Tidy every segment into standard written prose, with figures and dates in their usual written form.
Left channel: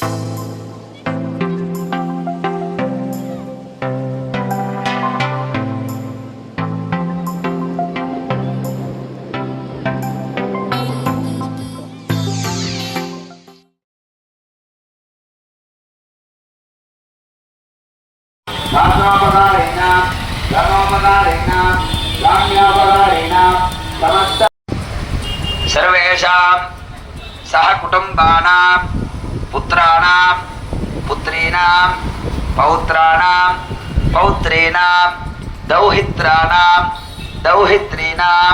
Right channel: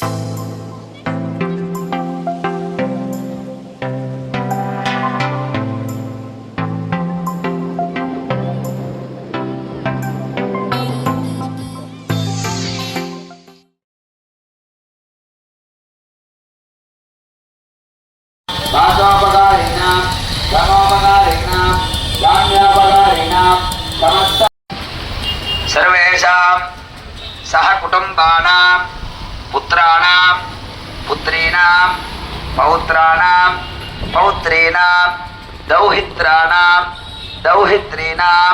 दासोपकारेण धनोपकारेण धान्योपकारेण समस्त सर्वेषां सहकुटुम्बानां पुत्राणां पुत्रीणां पौत्राणां पौत्रीणां दौहित्राणां दौहित्रीणां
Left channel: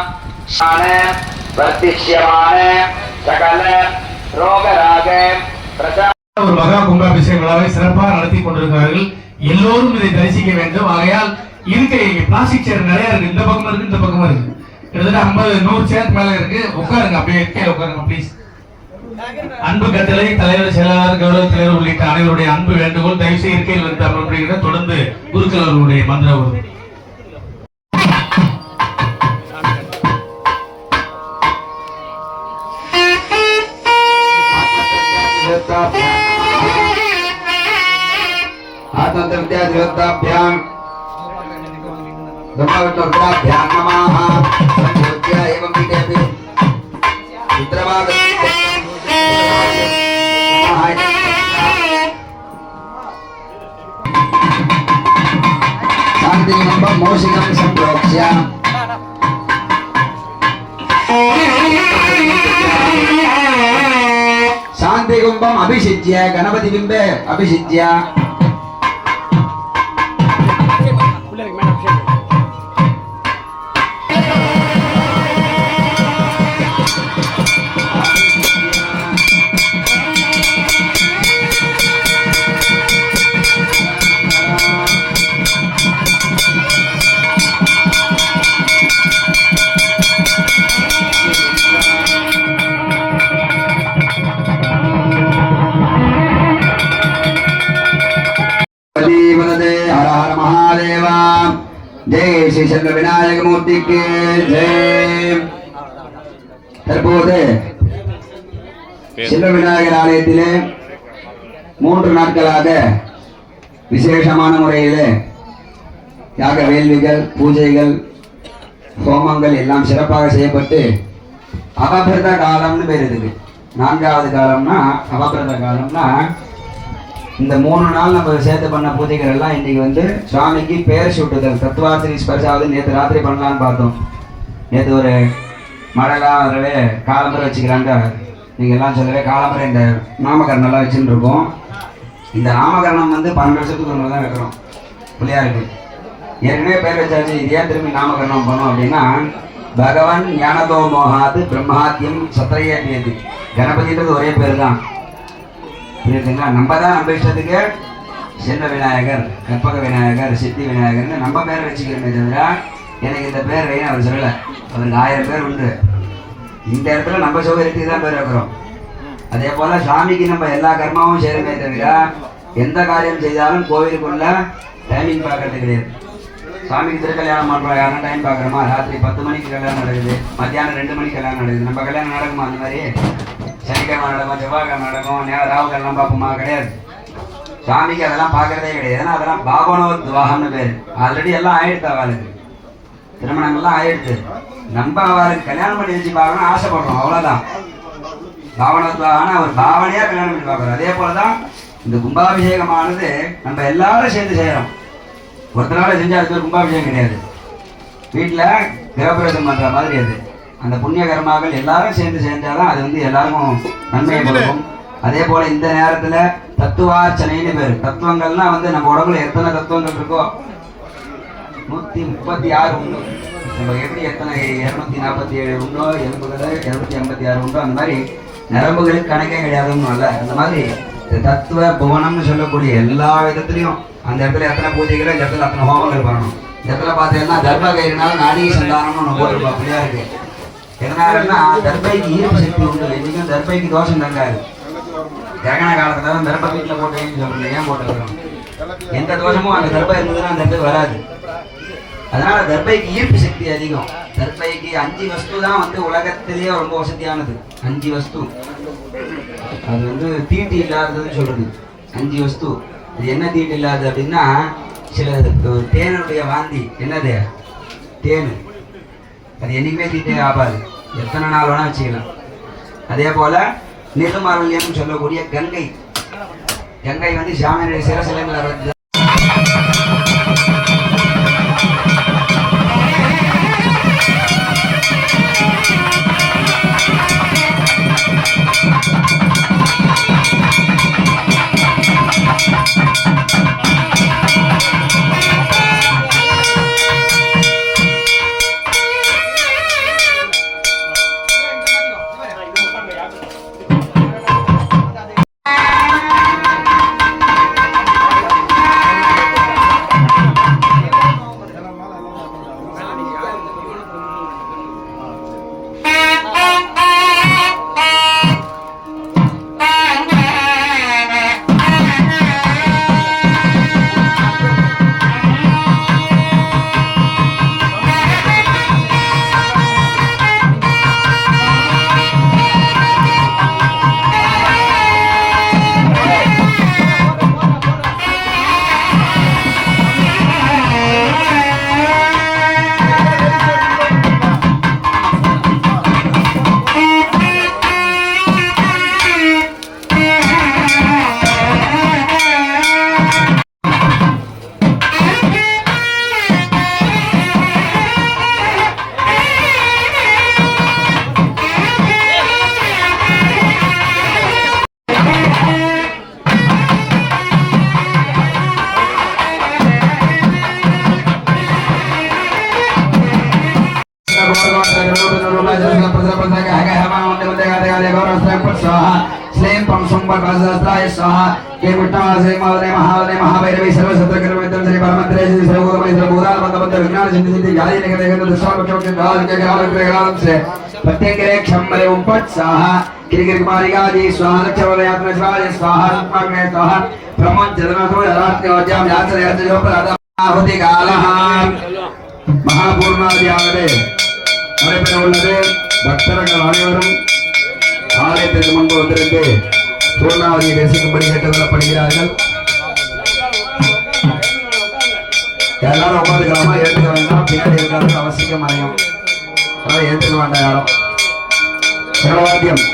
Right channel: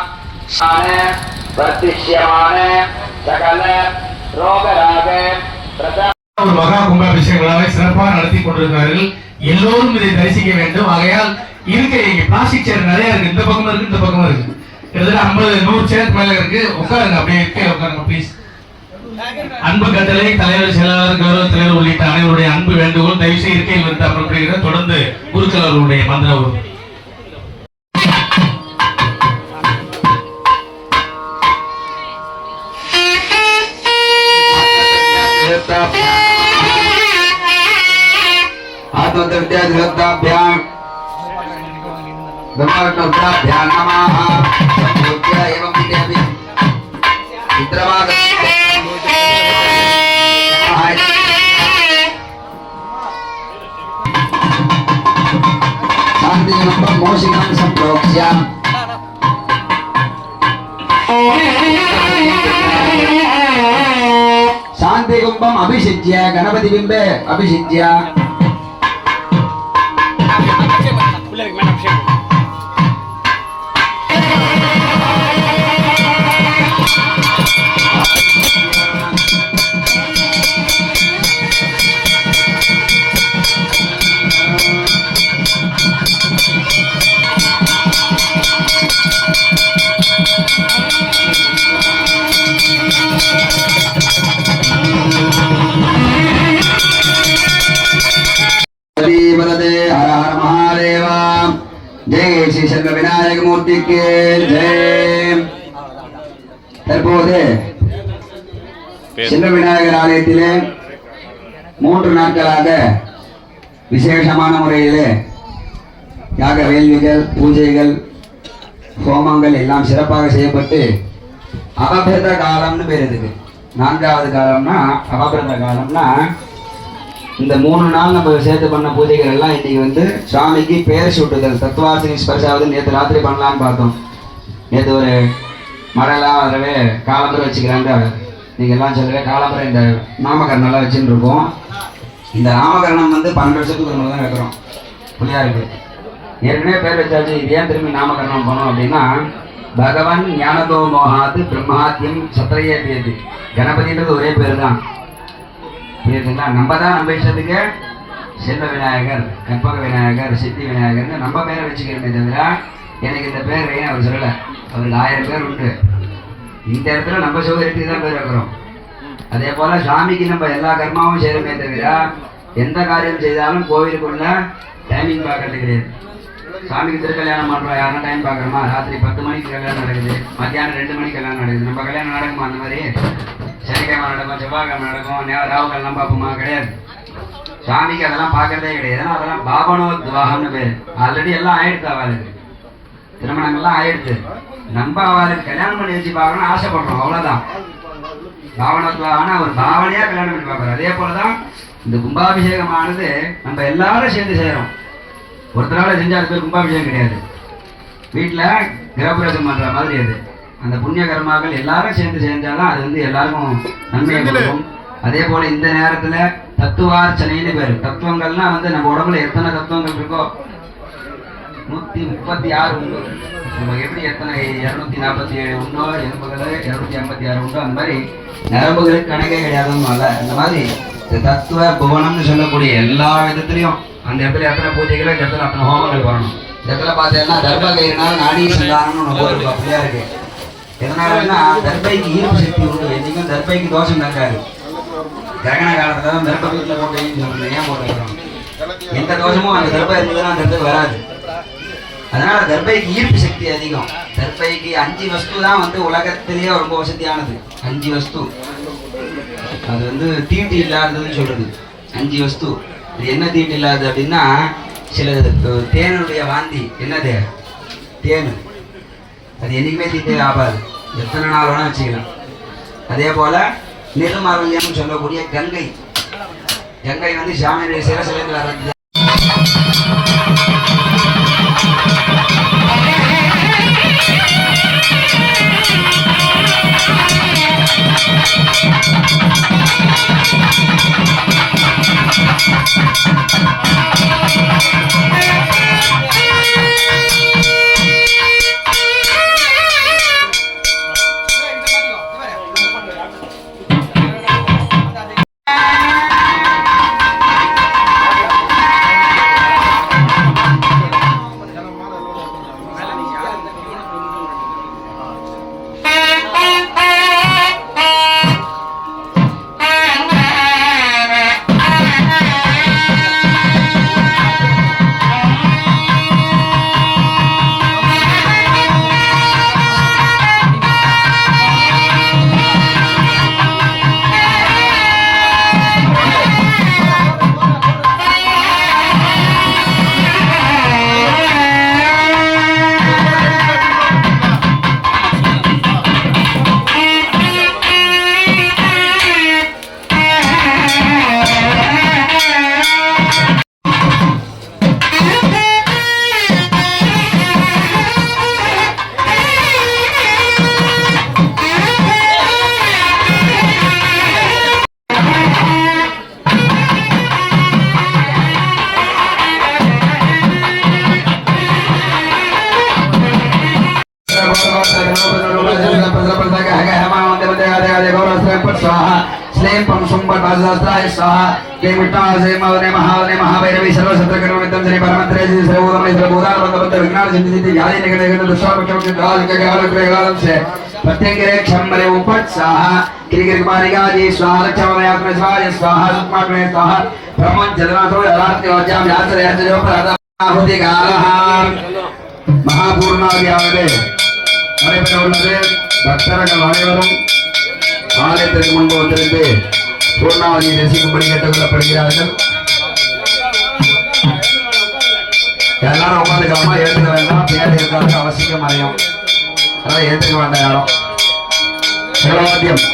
शाने वर्तिष्यमाने सकल रोगरागे प्रजा ஒரு மகா கும்பாபிஷேகங்களாக சிறப்பாக நடத்தி கொண்டிருக்கிறார்கள். எல்லோரும் இதை தரிசிக்க வேண்டும். ஆகையால் இங்க பிளாஸ்டிக் சேர் நிறைய இருக்கு. இந்த பக்கம் இருக்கு, இந்த பக்கம் இருக்கு. கிட்டத்தட்ட 50-100 சேர் மேல இருக்கு. உட்காருங்க, அப்படியே கீழே உட்காருங்க ப்ளீஸ். அன்பு கட்டளை தலைவர், செயலாளர், கௌரவ தலைவர் உள்ளிட்ட அனைவருடைய அன்பு வேண்டுகோள். தயவுசெய்து இருக்கையில் நிறுத்த அமர்வுகிற தொடர்ந்து குருக்கள் அவர்களுடைய மந்திரம். आत्मतृत्याभ्यां धर्मवृत्ताभ्यां नमः संपूज्य एवं विदेवि चित्रवाद शान्तिमं मोषिकं संप्रोक्ष्य शांति कुंभम अभिषिच्य गणपति बिंबे अभिषिच्य जय श्री शंकर विनायक मूर्ति के जय. தற்போது சின்ன விநாயகர் ஆலயத்திலே 3 நாட்களாக விசேஷமான முறையிலே யாக வேள்விகள், பூஜைகள், ஹோமங்கள் எல்லாம் சிறப்பாக செய்யப்பட்டு அபபிரத காலம்னு பேர் இருக்கு. 4வது காலம்னா அபபிரத காலம்னா இந்த 3 நாள் நம்ம சேர்த்து பண்ண பூஜைகள் எல்லாம் இன்னைக்கு வந்து சுவாமிக்கு பேர் சூட்டுதல், தத்துவார்த்தனி ஸ்பர்ஷாவது நேற்று ராத்திரி பண்ணலான்னு பார்த்தோம். நேற்று ஒரு மழைலாம் அதில் காலம்பரை வச்சுக்கிறாங்க. நீங்கள் எல்லாம் சொல்லவே காலம்பரை இந்த நாமகரணம்லாம் வச்சுட்டு இருக்கோம். இந்த நாமகரணம் வந்து 12 வருஷத்துக்கு ஒன்று தான் வைக்கிறோம் பிள்ளையாருக்கு. ஏற்கனவே பேர் வச்சாச்சு. இது ஏன் திரும்பி நாமகரணம் பண்ணோம் அப்படின்னா, பகவன் ஞானதோ மோகாது பிரம்மாத்தியம் சத்திரையது. கணபதின்றது ஒரே பேர் தான். புரியுதுங்களா? நம்ம தான் நம்ம இஷ்டத்துக்கு செல்வ விநாயகர், கற்பக விநாயகர், சித்தி விநாயகர்னு நம்ம பேரை வச்சுக்கிறோமே தவிர எனக்கு இந்த பேர் வேணும் அவர் சொல்லலை. அவருக்கு 1000 பேர் உண்டு. இந்த இடத்துல நம்ம சௌகரியத்துக்கு தான் பேர் வைக்கிறோம். அதே போல் சுவாமிக்கு நம்ம எல்லா கர்மாவும் செய்கிறோமே தவிர எந்த காரியம் செய்தாலும் கோவிலுக்குள்ள டைமிங் பார்க்கறது கிடையாது. சுவாமிக்கு திருக்கல்யாணம் பண்ணுறோம், யாரும் டைம் பார்க்குறோமா? ராத்திரி 10 மணிக்கு கல்யாணம் நடக்குது, மத்தியானம் 2 மணிக்கு கல்யாணம் நடக்குது. நம்ம கல்யாணம் நடக்குமா? அந்த மாதிரி சனிக்கிழமை நடக்கும், செவ்வாய்க்கிழமை நடக்கும், ராவுகள்லாம் பார்ப்போமா? கிடையாது. சுவாமிக்கு அதெல்லாம் பார்க்கறதே கிடையாது. ஏன்னா அதெல்லாம் பாவனோத்வாகம்னு பேர். ஆல்ரெடி எல்லாம் ஆயிடுத்து. அவளுக்கு திருமணங்கள்லாம் ஆயிடுத்து. நம்ம அவளுக்கு கல்யாணம் பண்ணி வச்சு பார்க்கணும்னு ஆசைப்படுறோம், அவ்வளோதான். பாவனோத்வாகம்னா ஒரு பாவனையாக கல்யாணம் பண்ணி பார்க்குறோம். அதே போல தான் இந்த கும்பாபிஷேகமானது நம்ம எல்லாரும் சேர்ந்து செய்கிறோம். ஒருத்தரால் செஞ்சால் அது பேர் கும்பாபிஷேகம் கிடையாது. வீட்டில் கிரகப்பிரவேசம் பண்ணுற மாதிரி அது. அந்த புண்ணிய கர்மாக்கள் எல்லாரும் சேர்ந்து செஞ்சாதான் அது வந்து எல்லாருக்கும் நன்மையை கொடுக்கும். அதே போல இந்த நேரத்துல தத்துவார்ச்சனைன்னு பேரு. தத்துவங்கள்லாம் வந்து நம்ம உடம்புல எத்தனை தத்துவங்கள் இருக்கோ 136 உண்டு. நம்ம எப்படி எத்தனை 247 உண்டோ, எலும்புகள் 286 உண்டோ, அந்த மாதிரி நரம்புகளுக்கு கணக்கே கிடையாதுன்னு இல்லை. அந்த மாதிரி தத்துவ புவனம்னு சொல்லக்கூடிய எல்லா விதத்துலையும் அந்த இடத்துல எத்தனை பூஜைகளோ, இந்த இடத்துல அத்தனை ஹோமங்கள் வரணும். இந்த இடத்துல பார்த்தீங்கன்னா தர்பகயினால நாடி சந்தானம்னு ஒன்று ஒரு அப்படியா இருக்கு. எதனாலன்னா தர்பைக்கு ஈர்ப்பு சக்தி உண்டு. இன்னைக்கும் தர்பைக்கு தோஷம் தங்காது. கிரகண காலத்துல தான் தர்பை வீட்டில் போட்டு சொல்றது. ஏன் போட்டு வரோம்? எந்த தோஷமும் அந்த தர்பை இருந்ததுன்னா அந்த இடத்துக்கு வராது. அதனால தர்பைக்கு ஈர்ப்பு சக்தி அதிகம். தர்பைக்கு 5 வஸ்து தான் வந்து உலகத்திலேயே ரொம்ப வசதியானது. 5 வஸ்து. அது வந்து தீட்டு இல்லாததுன்னு சொல்றது 5 வஸ்து. இது என்ன தீட்டு இல்லாதது அப்படின்னா, சில தேனுடைய வாந்தி என்னது தேன், அது என்னைக்குமே தீட்டு ஆகாது, எத்தனை நாள் வேணா வச்சுக்கலாம். அதே போல நிர்மால்யம் சொல்லக்கூடிய கங்கை, கங்கை வந்து சாமியுடைய சிரசிலிருந்து வர்றது. महाभैरवी सर्वशत्र कर्मविदं श्री परमंत्रे श्री सर्वोदमय सर्वोदार बंदबंद विज्ञान सिद्धि यादि निकटे गंध दशवार के काल के काल से प्रत्येक क्षमरे उपत्साह किरिकिर कुमारिकादि स्वाहा लक्षवयात्म स्वाहा स्वाहा सुत्माग्ने स्वाहा ब्रह्मं जगन्नाथो आराध्य अज्ञाम याचरे याचरो परादा आहुति कालः महापूर्णादियागदे நடைபெற உள்ளது. பக்தர்கள் அனைவரும் ஆலயத்திற்கு முன்பு வந்திருந்து பூர்ணாவதியை தரிசிக்கும்படி கேட்டுக்கொள்ளப்படுகிறார்கள். எல்லாரும் உட்காந்துக்காம ஏற்றுக்க வேண்டாம், பேர் இருக்கிறதுக்கு அவசியம் மறையும், அதாவது ஏற்றுக்க வேண்டாம் யாரும். சர்வாத்தியம்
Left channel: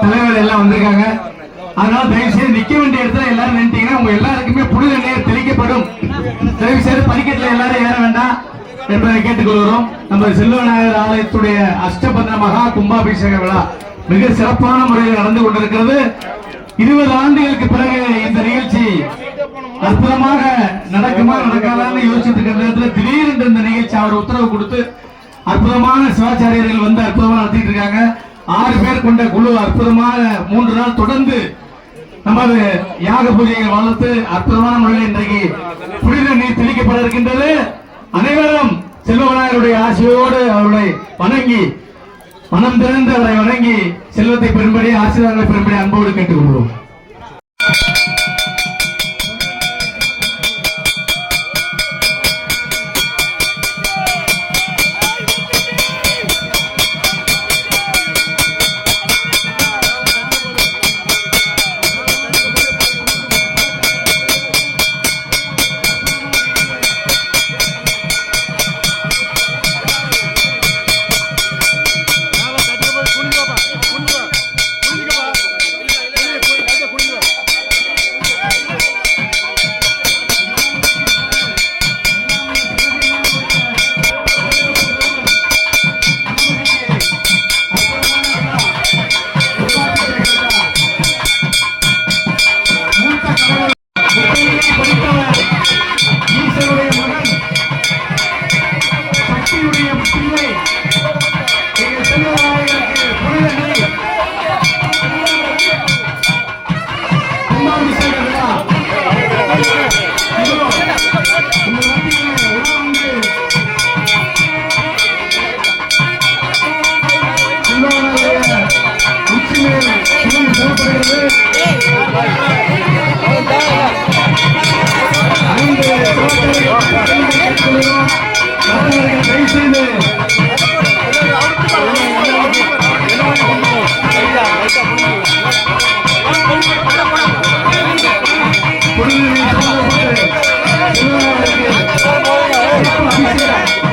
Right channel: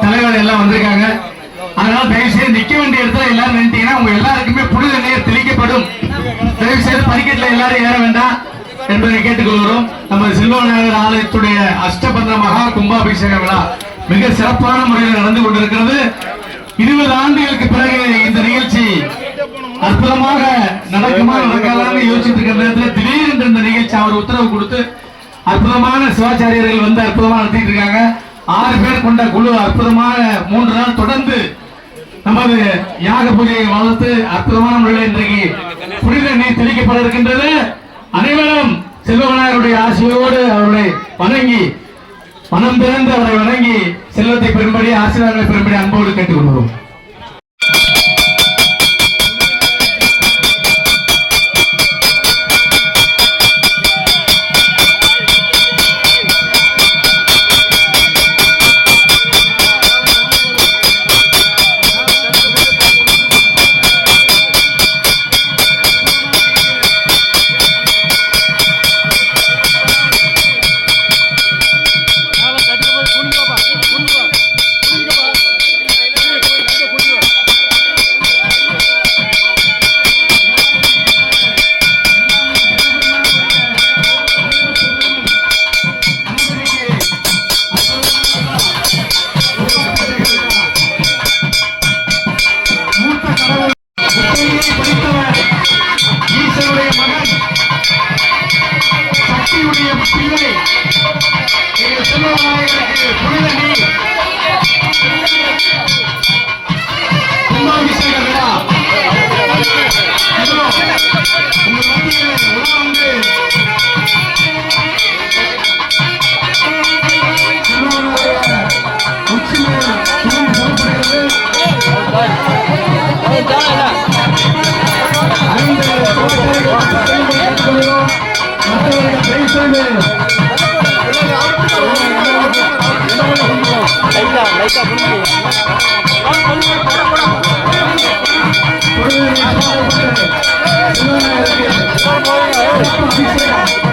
தலைவர் எல்லாம் வந்திருக்காங்க. அதனால தயவு செய்து நிக்க வேண்டிய இடத்துல எல்லாரும் நின்றுட்டீங்கன்னா உங்க எல்லாருக்குமே புனித நீர் தெளிக்கப்படும். தயவு செய்து படிக்கட்டுல எல்லாரும் ஏற வேண்டாம் என்பதை கேட்டுக்கொள்கிறோம். நம்ம செல்வநாயகர் ஆலயத்துடைய அஷ்டபந்தன மகா கும்பாபிஷேக விழா மிக சிறப்பான முறையில் நடந்து கொண்டிருக்கிறது. 20 ஆண்டுகளுக்கு பிறகு இந்த நிகழ்ச்சி அற்புதமாக நடக்குமா நடக்காதான்னு யோசிச்சுட்டு இருக்கிற நேரத்தில் திடீரென்று இந்த நிகழ்ச்சி அவர் உத்தரவு கொடுத்து அற்புதமான சிவாச்சாரியர்கள் வந்து அற்புதமா நடத்திட்டு இருக்காங்க. 6 பேர் கொண்ட குழு அற்புதமாக 3 நாள் தொடர்ந்து நமது யாக பூஜையை வளர்த்து அற்புதமான முறையில் இன்றைக்கு புனித நீர் தெளிக்கப்பட இருக்கின்றது. அனைவரும் செல்வநாயகருடைய ஆசையோடு அவர்களை வணங்கி மனம் திறந்து அவரை வணங்கி செல்வத்தை பெறும்படி ஆசீர்வாதங்களை பெறும்படி அன்போடு கேட்டுக்கொள்கிறோம். சரி